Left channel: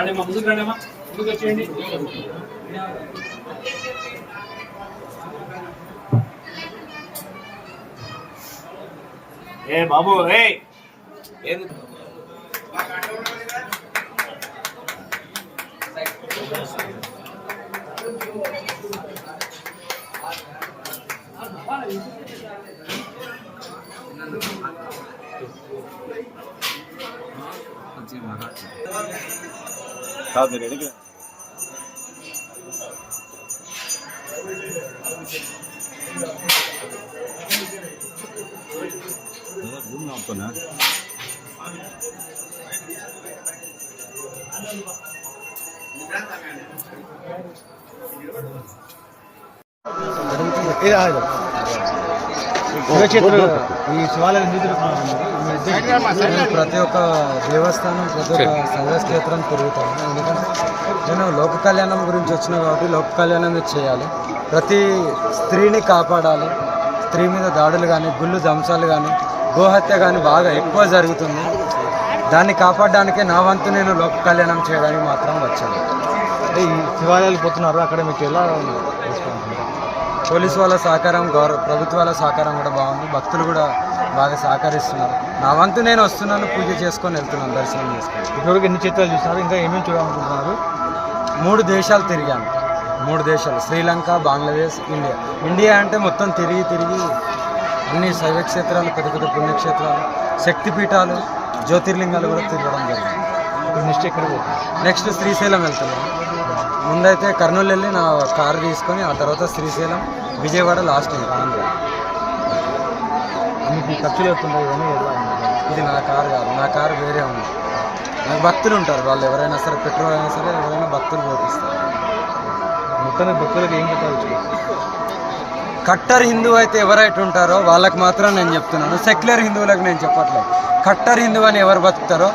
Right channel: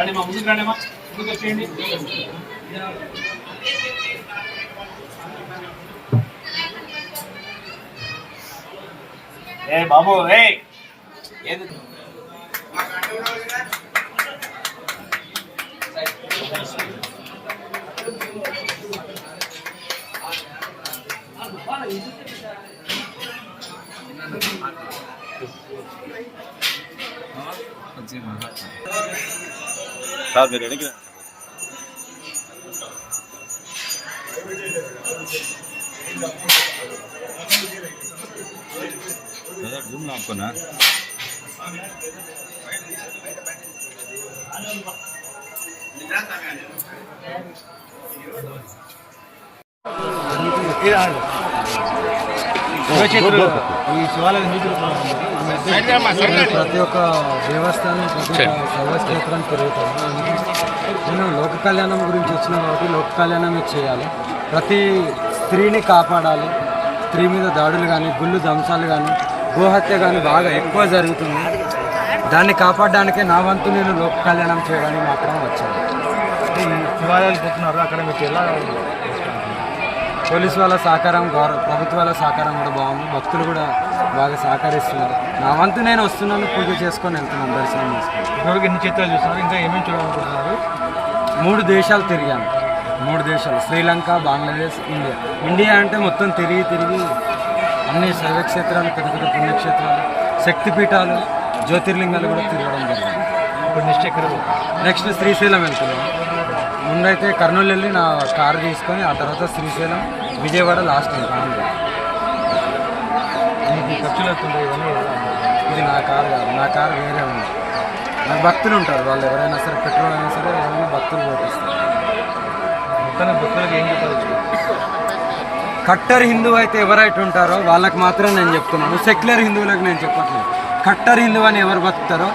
రండి మా ముందుకు రండి, ముందుకు వచ్చేయండి. ఏ బాబు ఏది సార్ మీరు ఎడికి జూమ్ నాకున్నా ప్రతి ఒక్క దేవస్థానం ప్రతి ఒక్క శైవక్షేత్రం తిరుగుతాను. ఎందుకంటే నేను లోక కళ్యాణం గురించి వచ్చిన కాబట్టి లోక కళ్యాణం చేయాలి. ప్రతి స్త్రీని కాపాడాలి. స్త్రీ మీద దాడులు కానీ గుళ్ళు ధ్వంసాలు కానీ గోహత్య కానీ బాగా ఎక్కువ జరుగుతుంది. దాన్ని కాపాడడానికే నా వంతు నేను లోక కళ్యాణం చేయడానికి మాత్రం వచ్చాను. ఈ శివాలయాలు పోతున్నారు, అక్కడ మీకు ఎలా పోలీసు వాళ్ళ సహకారం, ప్రభుత్వాల సహకారం కూడా బాగుంది. భక్తులు కూడా బాగా సహకరిస్తున్నారు. నా వంతు నేను వస్తున్నాను, పూజ చేసుకొని వెళ్తున్నాను, దర్శనం చేసుకొని. ఇప్పుడు ఎన్ని చిత్రాలు చూస్తున్నారు, ఇంకా ఏమేమి చూడాలనుకుంటున్నారు? 3 దేశాలు తిరిగాను. 3 దేశాలు, శ్రీలంక, బంగ్లాదేశ్, ఇండియా. ఇండియా అంటే మొత్తం తిరిగి అన్ని శైవక్షేత్రాలు, పెద్ద పెద్ద పుణ్యక్షేత్రాలు, శక్తిపీఠాలు, జ్యోతిర్లింగాలు కూడా తిరగడం జరిగింది. ఇప్పుడు నెక్స్ట్ శ్రీశైలం వెళ్తున్నాను. ముందైతే కర్నూలు వెళ్ళి నా కారు తీసుకొని ఆ తర్వాత శ్రీశైలం, విజయవాడ, లాస్ట్ ఇంకా ఆంధ్ర. మీకు ఖర్చులు అవుతుంది. ఇది నా కారు కాదు, నా కారు వేరే ఉంది. నాకు భక్తులు ఉంటారు, వాళ్ళు ఎవరైనా సరే, పెట్రోల్ అయినా సరే ఎవరైనా భక్తులు పోపిస్తారు. మొత్తం భక్తులకు ఏం చెప్పవచ్చు? కట్టర్ హిందూ అయితే ఎవరైతే ఉంటారో వాళ్ళకి మాత్రం నేను చెప్తున్నాను. సెక్యులర్ హిందువులకు నేను చెప్పట్లేదు. కట్టర్ హిందువు అని ఎవరు బతుకుతారో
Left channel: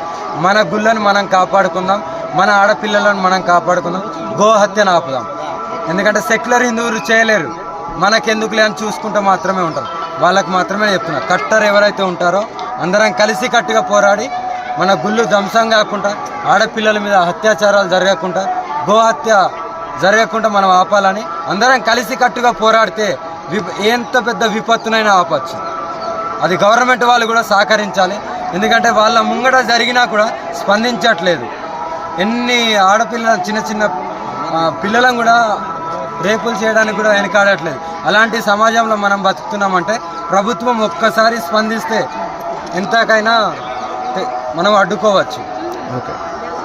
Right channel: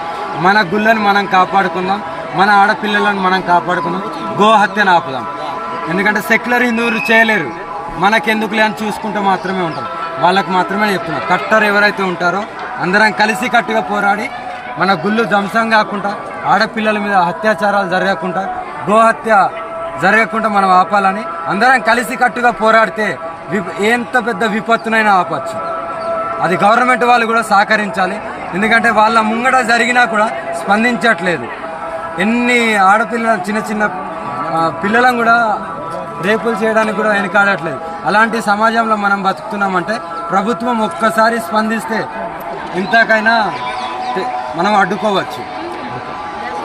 మన గుళ్ళని మనం కాపాడుకుందాం, మన ఆడపిల్లలను మనం కాపాడుకుందాం, గోహత్యను ఆపుదాం. ఎందుకంటే సెక్యులర్ హిందువులు చేయలేరు, మనకెందుకులే అని చూసుకుంటూ మాత్రమే ఉంటారు. వాళ్ళకి మాత్రమే చెప్తున్నా. కట్టర్ ఎవరైతే ఉంటారో అందరం కలిసి కట్టుగా పోరాడి మన గుళ్ళు ధ్వంసం కాకుండా, ఆడపిల్లల మీద అత్యాచారాలు జరగకుండా, గోహత్య జరగకుండా మనం ఆపాలని అందరం కలిసి కట్టుగా పోరాడితే ఎంత పెద్ద విపత్తునైనా ఆపచ్చు. అది గవర్నమెంట్ వాళ్ళు కూడా సహకరించాలి. ఎందుకంటే వాళ్ళ ముంగట జరిగినా కూడా స్పందించట్లేదు. ఎన్ని ఆడపిల్లల చిన్న పిల్లలను కూడా రేపులు చేయడానికి కూడా వెనకాడట్లేదు. అలాంటి సమాజంలో మనం బతుకుతున్నామంటే ప్రభుత్వం ఒక్కసారి స్పందిస్తే ఇంతకైనా మనం అడ్డుకోవచ్చు.